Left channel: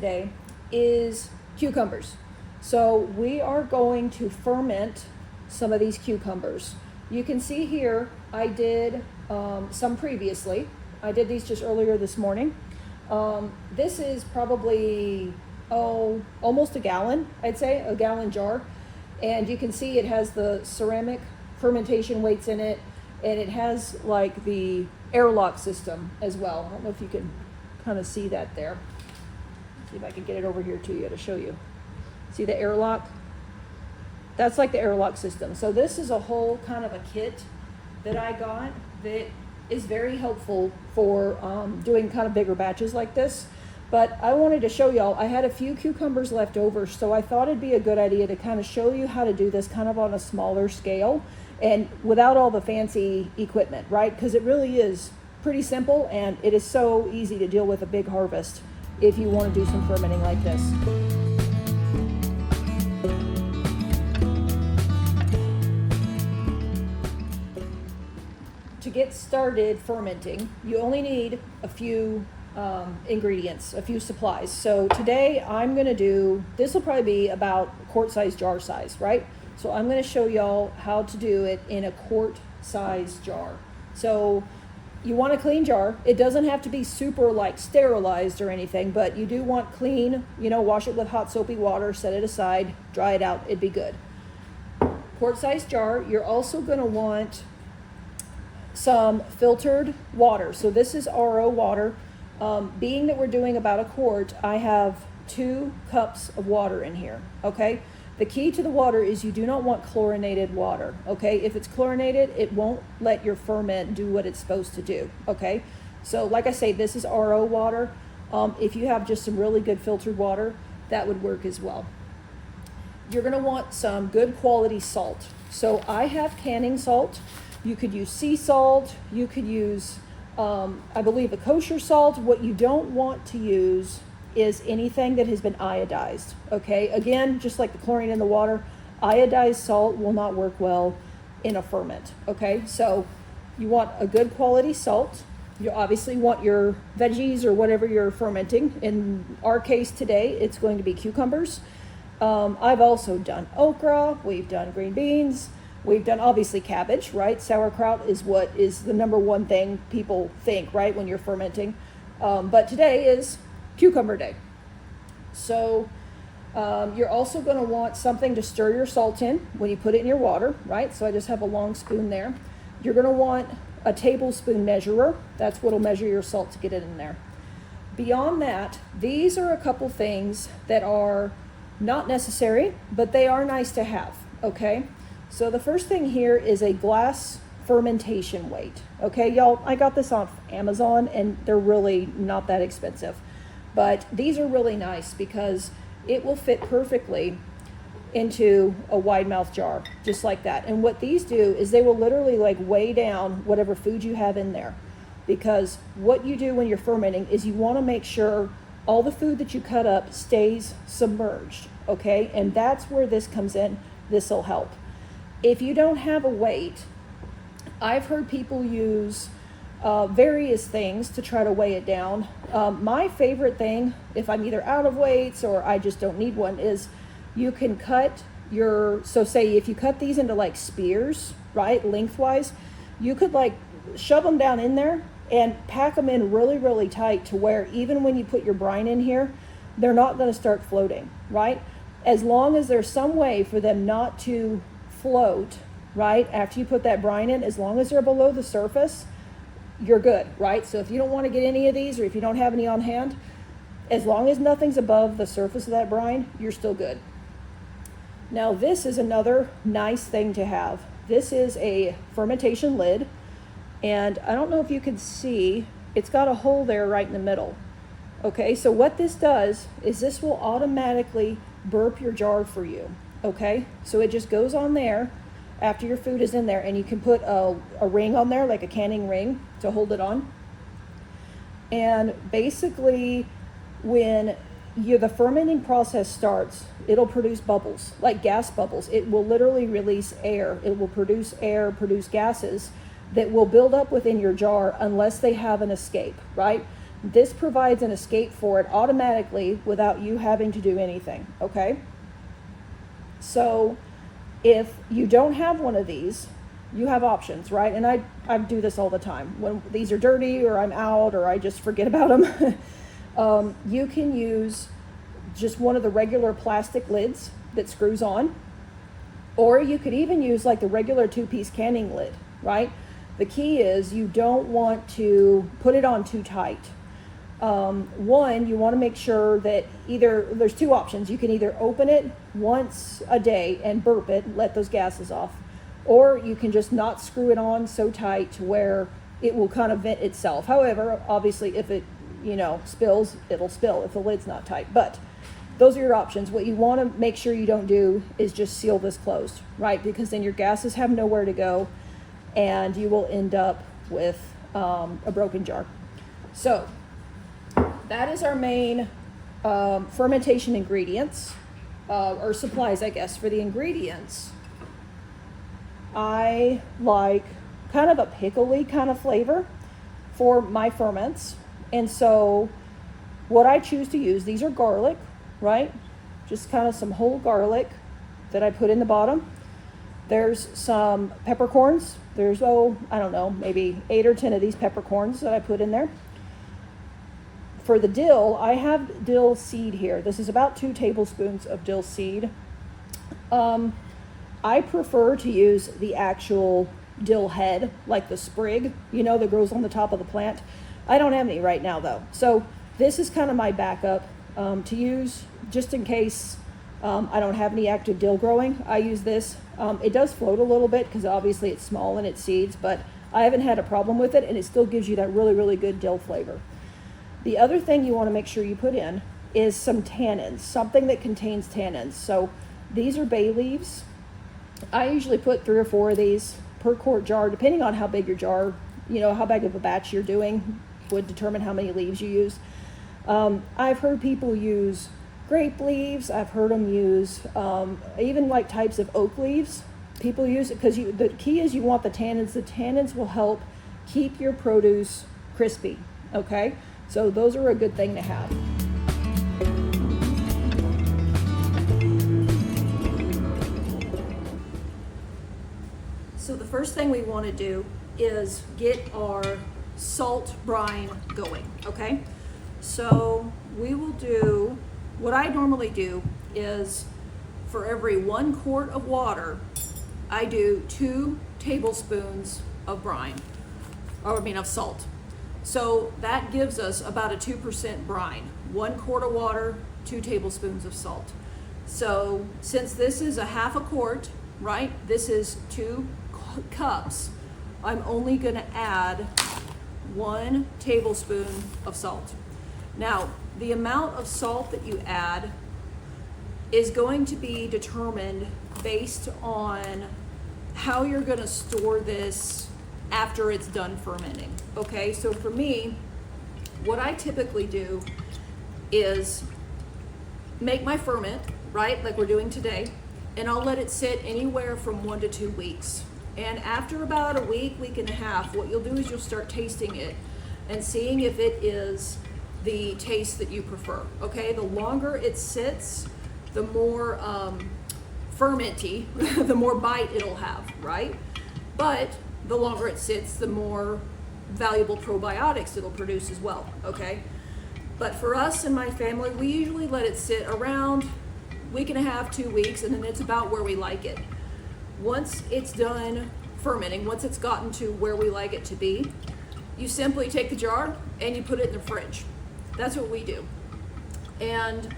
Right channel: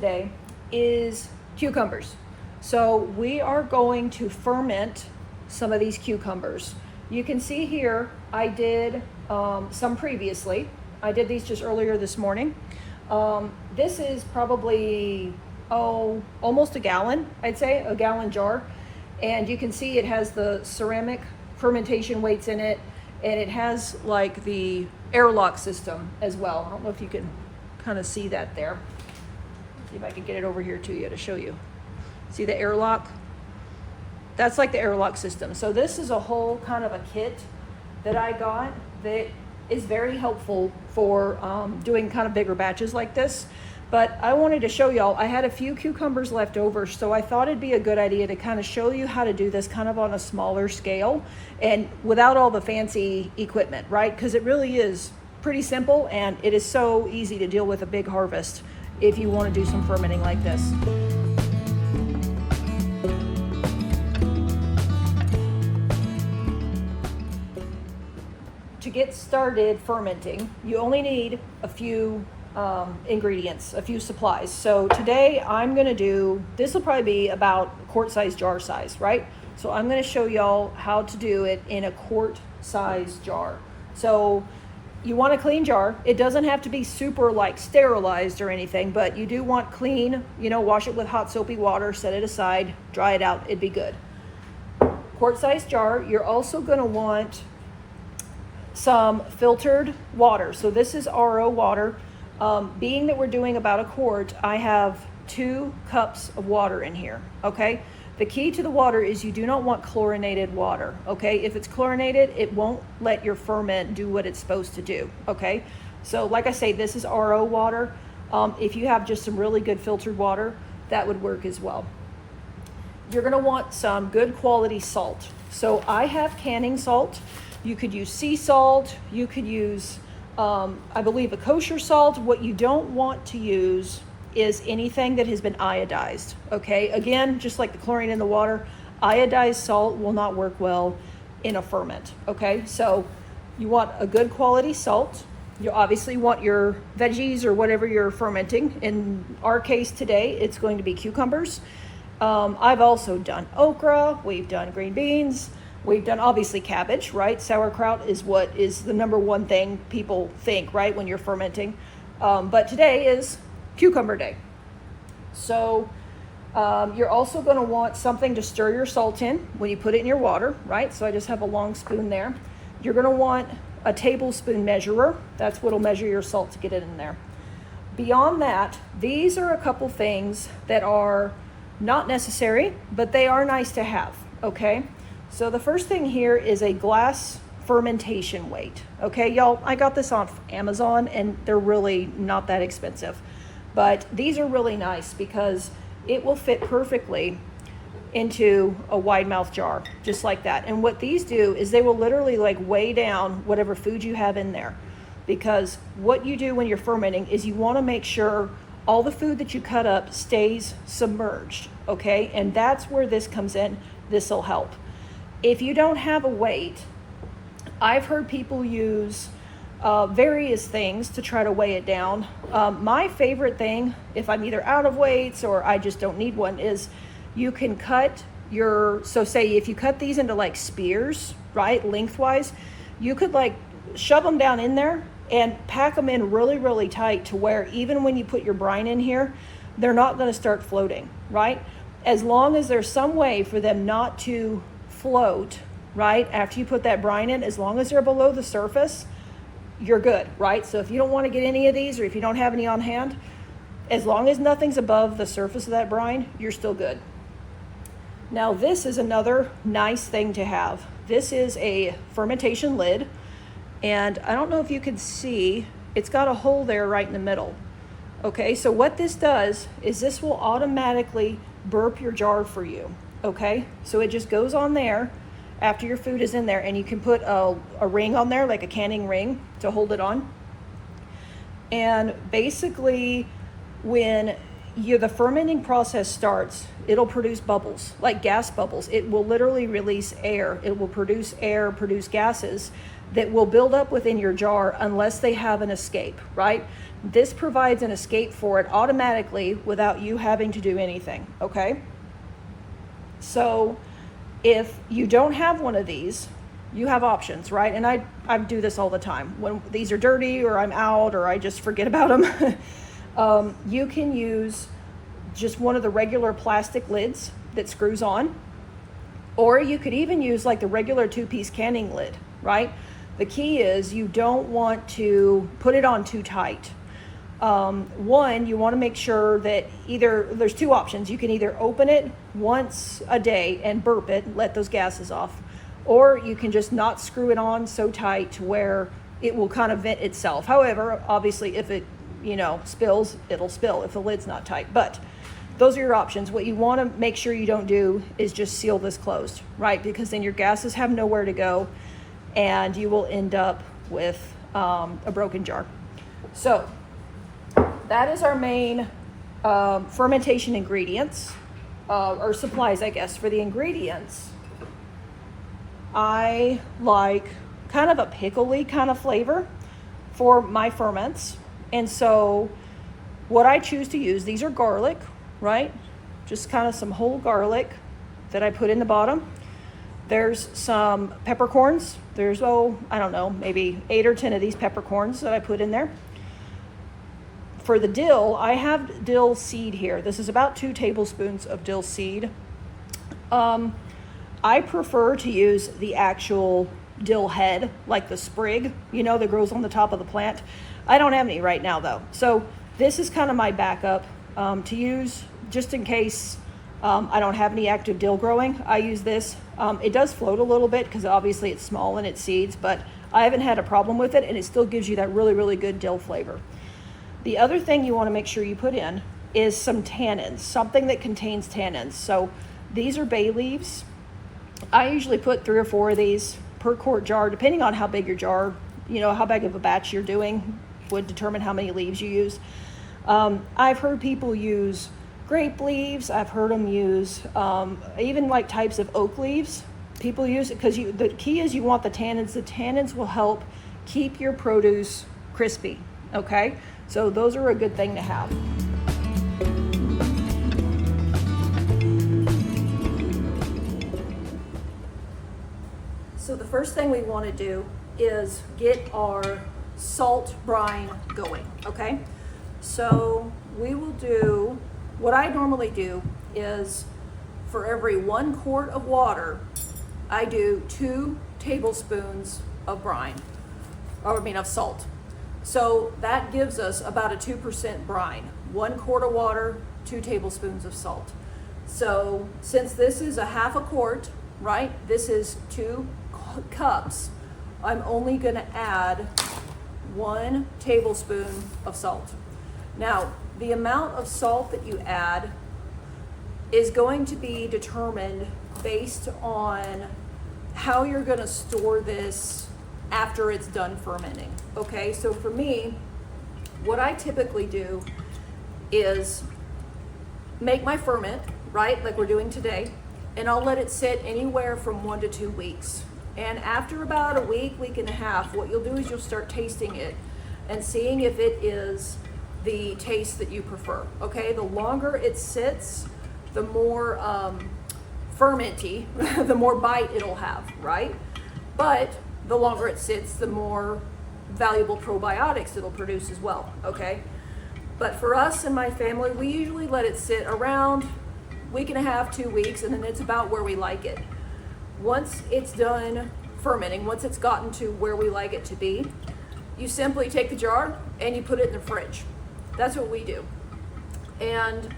today is cucumbers. So we are going to ferment some of these cucumbers. You can see here, I did some previously. I did these just earlier this morning. This is probably, almost a gallon, I'd say, a gallon jar. And you can see it has the ceramic fermentation weights in it, and it has like the airlock system as well. I don't know if you can kind of see that there. Let's see if I can get it over here to you to show you. See the airlock? That's like the airlock system. So this is a whole kind of a kit that I got that is very helpful for doing kind of bigger batches like this. But I wanted to show y'all, I had a few cucumbers left over, so I thought it'd be a good idea to kind of show you how to do this kind of on a smaller scale and without all the fancy equipment, right? Because it really is pretty simple, and it is so easy to deal with a big harvest if you want to do some fermenting like this. To get started fermenting, you only need a few ingredients, a few supplies. So today I'm going to do, this will probably be about quart-size jar size, right? So I'm going to show y'all how to do it in a quart-size jar. So you want a clean jar. It doesn't have to be super like sterilized or anything, but you do want clean, wash it with hot soapy water, set it aside, dry it out, it'd be good. Quart-size jar. You're also going to want some filtered water. So this is RO water. Being that we're doing about a quart, I have 2 cups of water in here, okay? The key to the water is you do not want chlorinated water, okay? If it's chlorinated, it won't let your ferment do what it's supposed to do, okay? So like I say, this is RO water. If you have just some really good filtered water, that would work as well. You're gonna want some good quality salt. So I have canning salt. You could use sea salt, you could use, I believe, a kosher salt. What you don't want to use is anything that has been iodized, okay? Again, just like the chlorine in the water, iodized salt will not work well in a ferment, okay? So you want a good quality salt. You obviously want your veggies or whatever you're fermenting. In our case today, it's going to be cucumbers. I've also done okra, we've done green beans, we've done obviously cabbage, right? Sauerkraut is what is the #1 thing people think, right, when you're fermenting. But today is cucumber day. So you're also going to want something to stir your salt in when you put it in your water, right? So I just have a long spoon there. You're going to want a tablespoon measurer. That's what'll measure your salt to get it in there. Beyond that, these are a couple things that are not necessary, but they are nice to have, okay? So the first thing here is a glass fermentation weight. Okay, y'all, I got this off Amazon and they're really not that expensive. But these are really nice because it will fit perfectly into a wide mouth jar, just like that. And what these do is they will literally like weigh down whatever food you have in there. Because what you do when you're fermenting is you want to make sure all the food that you cut up stays submerged, okay? And that's where this comes in. This will help. If you don't have a weight, I've heard people use various things to try to weigh it down. My favorite thing, if I'm either out of weights or I just don't need one, is you can cut so say if you cut these into like spears, right, lengthwise, you could like shove them down in there and pack them in really, really tight to where even when you put your brine in here, they're not going to start floating, right? As long as there's some way for them not to float, right, after you put that brine in, as long as they're below the surface, you're good, right? So if you don't want to get any of these or if you don't have any on hand, as long as nothing's above the surface of that brine, you're still good. Now this is another nice thing to have. This is a fermentation lid, and I don't know if you can see, it's got a hole there right in the middle. Okay, so what this does is this will automatically burp your jar for you, okay? So it just goes on there after your food is in there, and you can put a ring on there, like a canning ring, to hold it on. And basically, when the fermenting process starts, it'll produce bubbles, like gas bubbles. It will literally release air. It will produce air, produce gases that will build up within your jar unless they have an escape, right? this provides an escape for it automatically without you having to do anything, okay? So if you don't have one of these, you have options, right? And I do this all the time. When these are dirty or I'm out or I just forget about them, you can use just one of the regular plastic lids that screws on, or you could even use like the regular 2-piece canning lid, right? The key is you don't want to put it on too tight. One, you want to make sure that there's 2 options. You can either open it once a day and burp it, let those gases off, or you can just not screw it on so tight to where it will kind of vent itself. However, obviously if it, spills, it'll spill if the lid's not tight. But those are your options. What you want to make sure you don't do is just seal this closed, right? Because then your gases have nowhere to go and you will end up with a broken jar. So that is our main fermentation ingredients, or supplies, I guess. For the ingredients, I like kind of a pickly kind of flavor for my ferments. And so what I choose to use, these are garlic, right? Just kind of some whole garlic that I put in the bottom. There's some peppercorns. There's, I don't know, maybe 8 or 10 of these peppercorns that I put in there. For the dill, I have dill seed here. This is about 2 tablespoons of dill seed. I prefer to use the actual dill head, like the sprig, that grows on the top of the plant. I don't have any right now though. So this is kind of my backup to use just in case I don't have any active dill growing. I use this. It does float a little bit because obviously it's small in its seeds, but I haven't had a problem with it, and it still gives you that really, really good dill flavor. The other thing you want to make sure you put in is some tannins, something that contains tannins. So these are bay leaves. I usually put 3 or 4 of these per quart jar, depending on how big your jar, how big of a batch you're doing would determine how many leaves you use. I've heard people use grape leaves. I've heard them use even like types of oak leaves. People use it because the key is you want the tannins. The tannins will help keep your produce crispy, okay? So those are a good thing to have. So the first thing we want to do is get our salt brine going, okay? So we will do, what I normally do is for every 1 quart of water, I do 2 tablespoons of brine, of salt. So that gives us about a 2% brine. 1 quart of water, 2 tablespoons of salt. So since this is a half a quart, right, this is 2 cups, I'm only gonna add 1 tablespoon of salt. Now, the amount of salt that you add is going to be determined based on how you're gonna store this after it's done fermenting, okay? So for me, what I typically do is make my ferment, right, like we're doing today, and I'll let it sit anywhere from 1 to 2 weeks. And after about a week, week and a half, what you'll do is you'll start tasting it and seeing if it is the taste that you prefer, okay? The longer it sits, the more fermenty, the more bite it'll have, right? But the longer it sits, the more valuable probiotics it'll produce as well, okay? But for us and my family, we usually let it sit around week and a half, 2 weeks, and then it's about where we like it. Once it's done fermenting, once it's gotten to where we like it to be, you simply take the jar and you put it in the fridge. That's what we do. And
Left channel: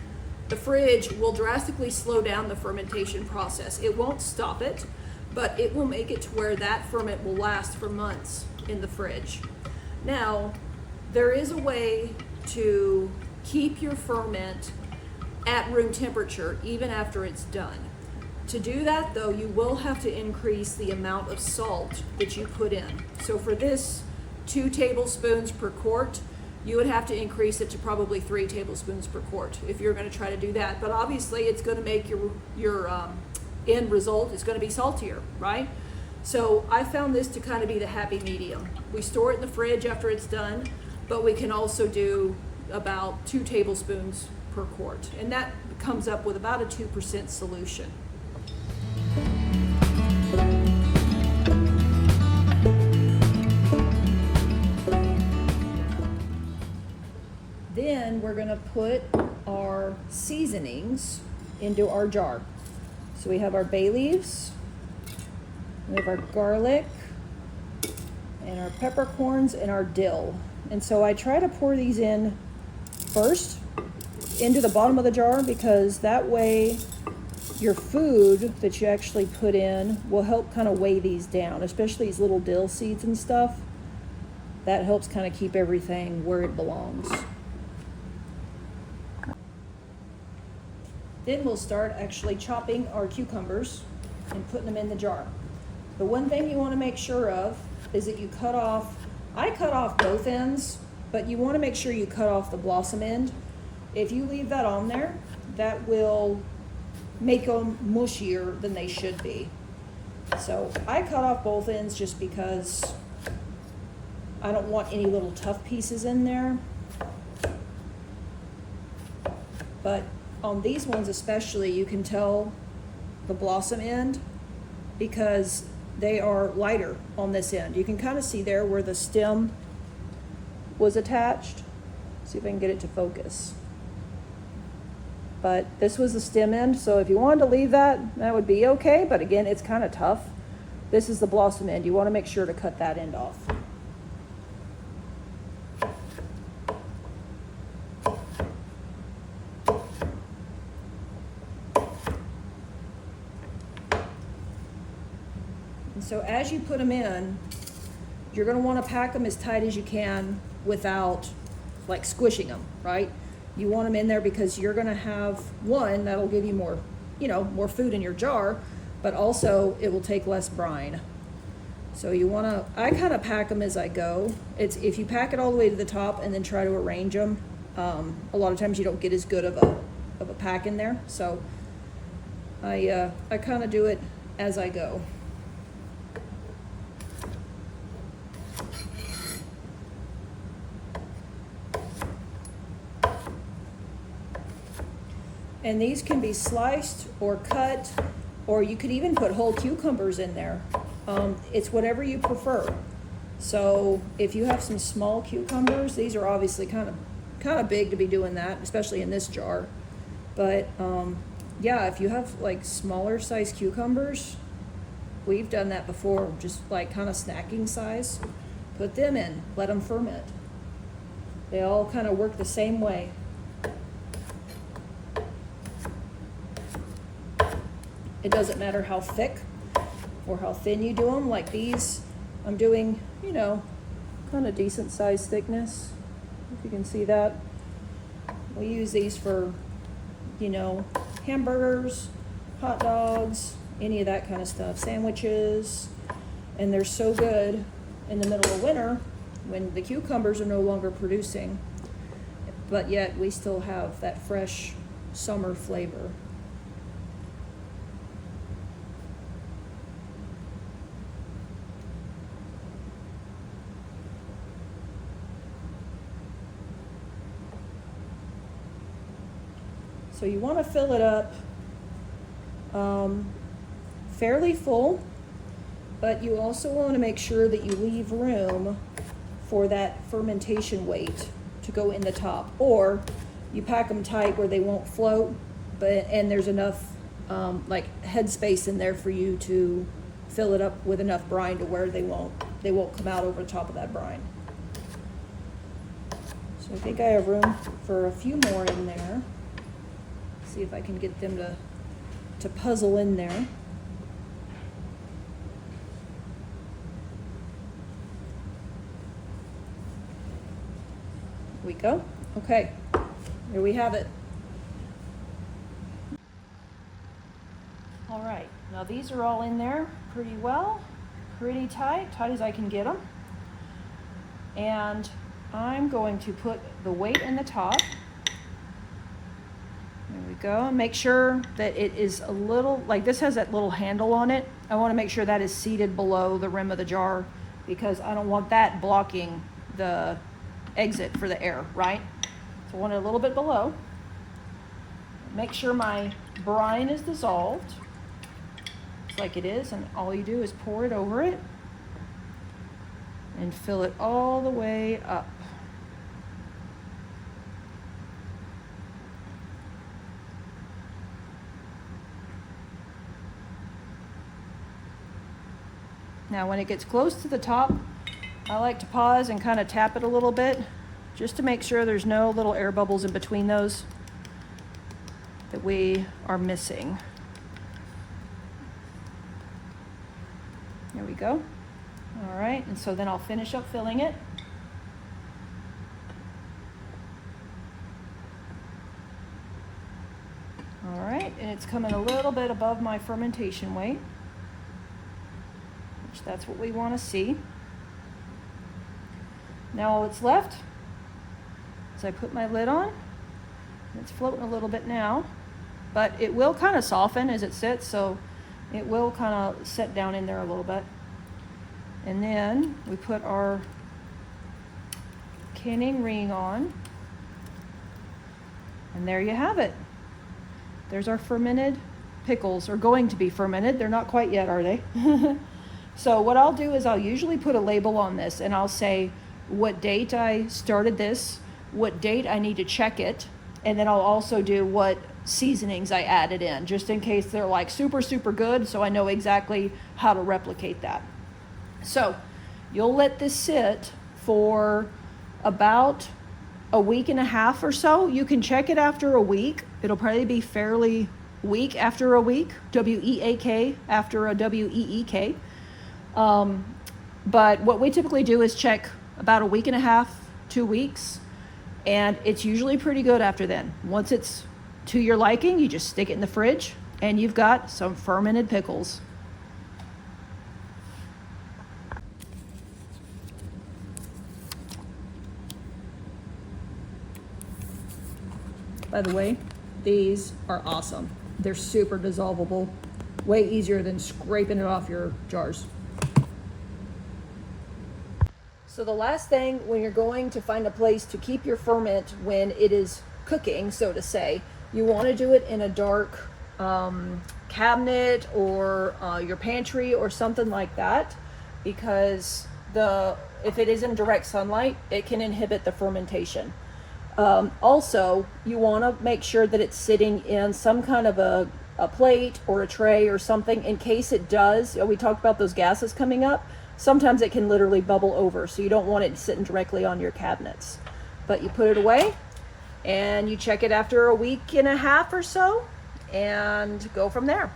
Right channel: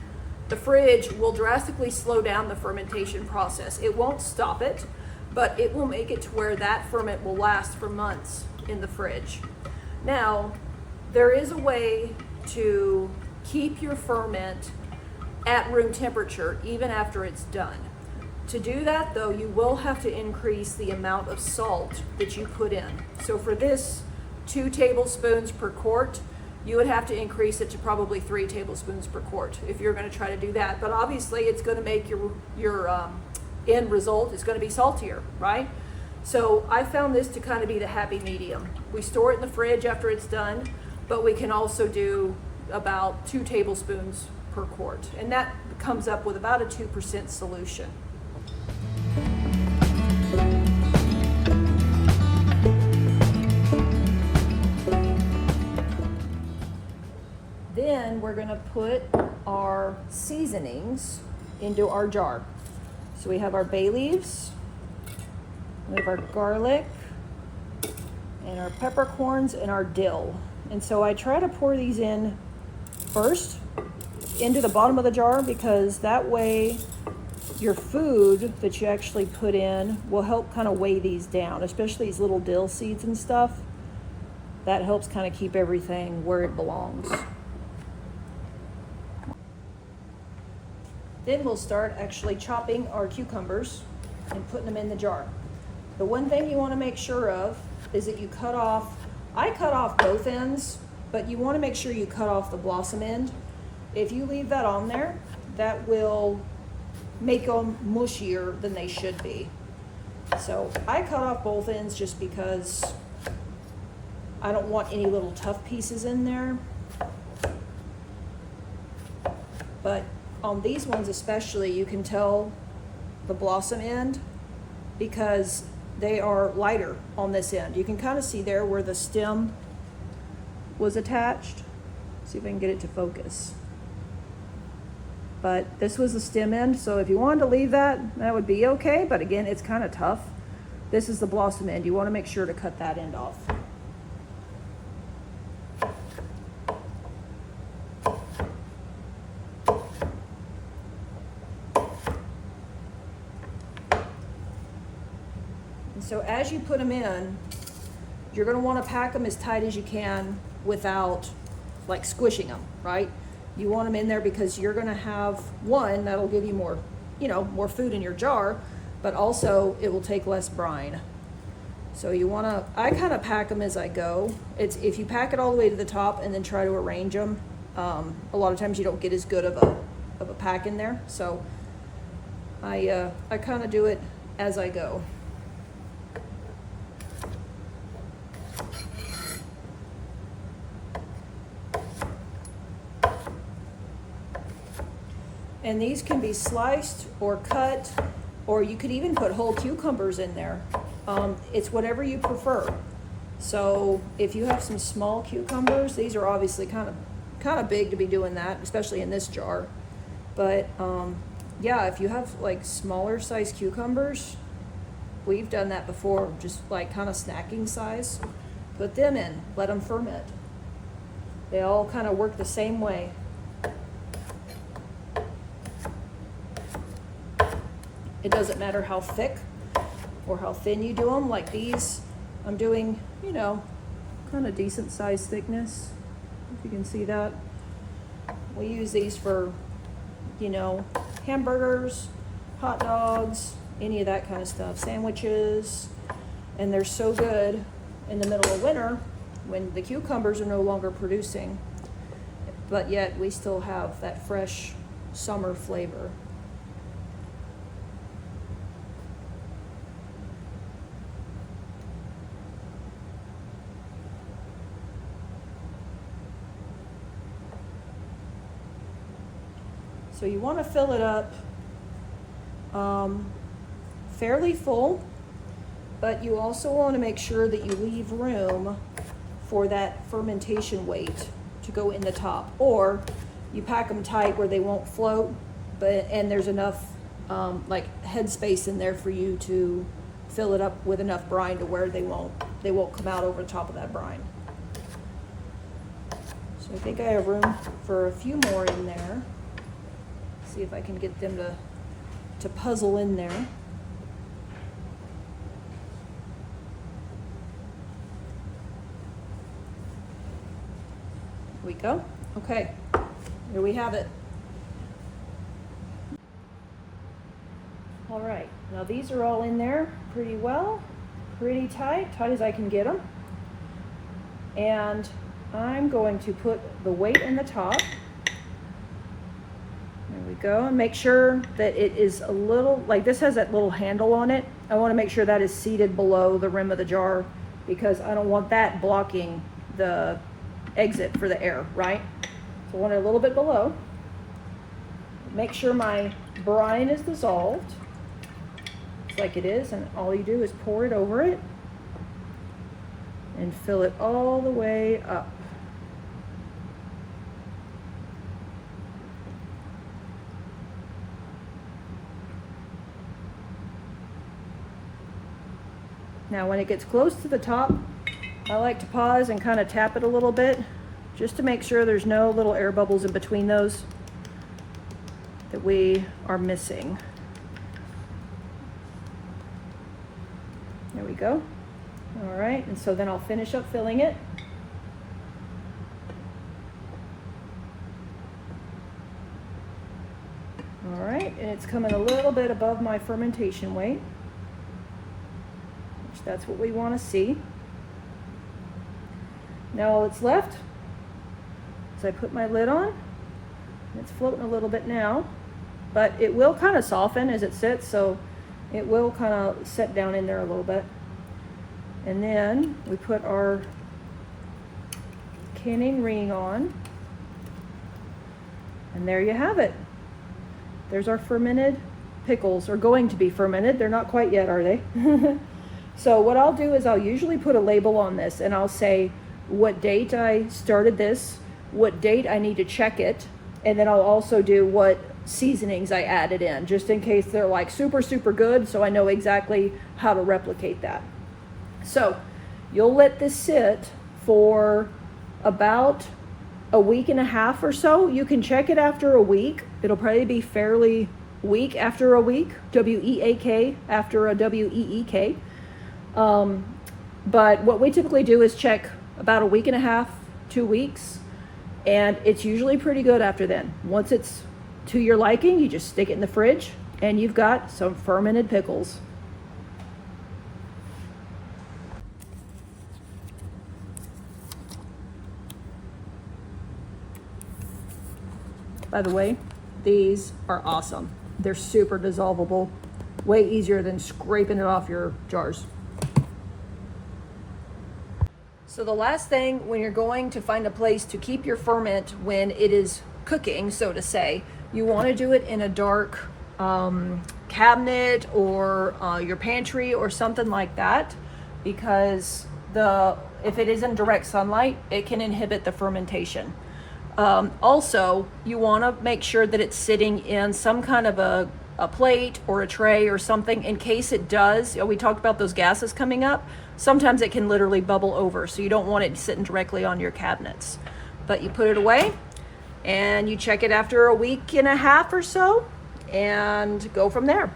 the fridge will drastically slow down the fermentation process. It won't stop it, but it will make it to where that ferment will last for months in the fridge. Now, there is a way to keep your ferment at room temperature even after it's done. To do that though, you will have to increase the amount of salt that you put in. So for this 2 tablespoons per quart, you would have to increase it to probably 3 tablespoons per quart if you're going to try to do that. But obviously it's going to make your end result is going to be saltier, right? So I found this to kind of be the happy medium. We store it in the fridge after it's done, but we can also do about 2 tablespoons per quart, and that comes up with about a 2% solution. Then we're going to put our seasonings into our jar. So we have our bay leaves, we have our garlic, and our peppercorns, and our dill. And so I try to pour these in first into the bottom of the jar, because that way your food that you actually put in will help kind of weigh these down, especially these little dill seeds and stuff. That helps kind of keep everything where it belongs. Then we'll start actually chopping our cucumbers and putting them in the jar. The one thing you want to make sure of is that you cut off, I cut off both ends, but you want to make sure you cut off the blossom end. If you leave that on there, that will make them mushier than they should be. So I cut off both ends just because I don't want any little tough pieces in there. But on these ones especially, you can tell the blossom end because they are lighter on this end. You can kind of see there where the stem was attached. See if I can get it to focus. But this was the stem end, so if you wanted to leave that, that would be okay, but again, it's kind of tough. This is the blossom end. You want to make sure to cut that end off. So as you put them in, you're going to want to pack them as tight as you can without like squishing them, right? You want them in there because you're going to have one that'll give you more, more food in your jar, but also it will take less brine. So you want to, I kind of pack them as I go. It's if you pack it all the way to the top and then try to arrange them, a lot of times you don't get as good of a pack in there. So I kind of do it as I go. And these can be sliced or cut, or you could even put whole cucumbers in there. It's whatever you prefer. So if you have some small cucumbers, these are obviously kind of big to be doing that, especially in this jar. But yeah, if you have like smaller size cucumbers, we've done that before, just like kind of snacking size. Put them in, let them ferment. They all kind of work the same way. It doesn't matter how thick or how thin you do them. Like these, I'm doing, kind of decent size thickness. If you can see that. We use these for, hamburgers, hot dogs, any of that kind of stuff, sandwiches. And they're so good in the middle of winter when the cucumbers are no longer producing, but yet we still have that fresh summer flavor. So you want to fill it up fairly full, but you also want to make sure that you leave room for that fermentation weight to go in the top, or you pack them tight where they won't float, and there's enough like head space in there for you to fill it up with enough brine to where they won't come out over the top of that brine. So I think I have room for a few more in there. See if I can get them to puzzle in there. There we go. Okay, here we have it. All right, now these are all in there pretty well, pretty tight as I can get them. And I'm going to put the weight in the top. There we go. Make sure that it is a little, like this has that little handle on it. I want to make sure that is seated below the rim of the jar because I don't want that blocking the exit for the air, right? So I want it a little bit below. Make sure my brine is dissolved, just like it is, and all you do is pour it over it and fill it all the way up. Now when it gets close to the top, I like to pause and kind of tap it a little bit just to make sure there's no little air bubbles in between those that we are missing. There we go. All right, and so then I'll finish up filling it. All right, and it's coming a little bit above my fermentation weight, which that's what we want to see. Now all that's left is I put my lid on. It's floating a little bit now, but it will kind of soften as it sits, so it will kind of set down in there a little bit. And then we put our canning ring on, and there you have it. There's our fermented pickles, or going to be fermented. They're not quite yet, are they? So what I'll do is I'll usually put a label on this, and I'll say what date I started this, what date I need to check it, and then I'll also do what seasonings I added in, just in case they're like super, super good, so I know exactly how to replicate that. So you'll let this sit for about a week and a half or so. You can check it after a week. It'll probably be fairly weak after a week, W-E-A-K after a W-E-E-K. But what we typically do is check about a week and a half, 2 weeks, and it's usually pretty good after then. Once it's to your liking, you just stick it in the fridge and you've got some fermented pickles. By the way, these are awesome. They're super dissolvable, way easier than scraping it off your jars. So the last thing when you're going to find a place to keep your ferment when it is cooking, so to say, you want to do it in a dark cabinet or your pantry or something like that, because if it is in direct sunlight, it can inhibit the fermentation. Also, you want to make sure that it's sitting in some kind of a plate or a tray or something, in case it does. We talked about those gases coming up. Sometimes it can literally bubble over, so you don't want it sitting directly on your cabinets. But you put it away and you check it after a week and a half or so and go from there.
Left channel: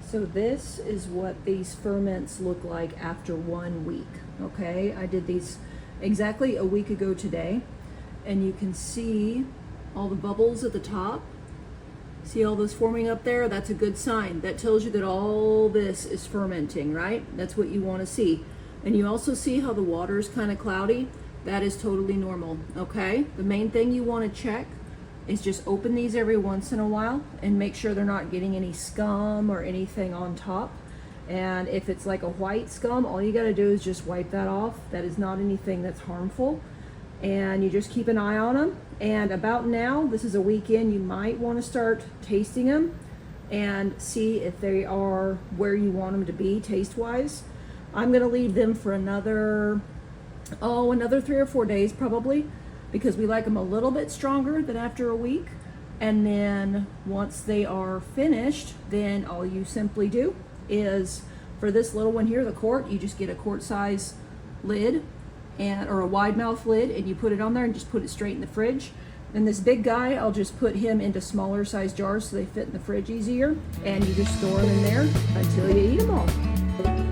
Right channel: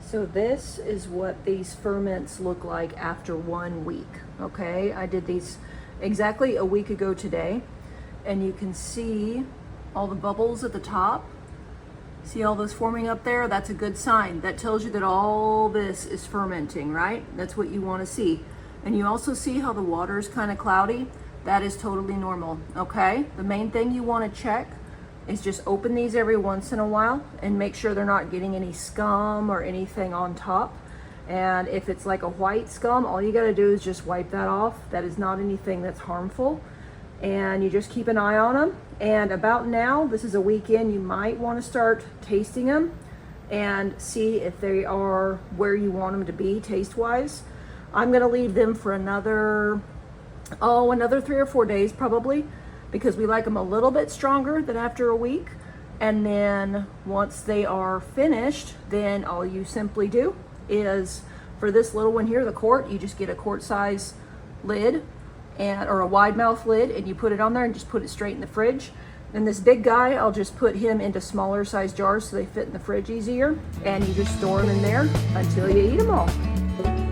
So this is what these ferments look like after 1 week. Okay, I did these exactly a week ago today, and you can see all the bubbles at the top. See all this forming up there? That's a good sign. That tells you that all this is fermenting, right? That's what you want to see. And you also see how the water is kind of cloudy. That is totally normal, okay? The main thing you want to check is just open these every once in a while and make sure they're not getting any scum or anything on top. And if it's like a white scum, all you got to do is just wipe that off. That is not anything that's harmful. And you just keep an eye on them. And about now, this is a week in, you might want to start tasting them and see if they are where you want them to be taste-wise. I'm going to leave them for another 3 or 4 days probably, because we like them a little bit stronger than after a week. And then once they are finished, then all you simply do is, for this little one here, the quart, you just get a quart size lid or a wide mouth lid, and you put it on there and just put it straight in the fridge. And this big guy, I'll just put him into smaller size jars so they fit in the fridge easier, and you just store them in there until you eat them all.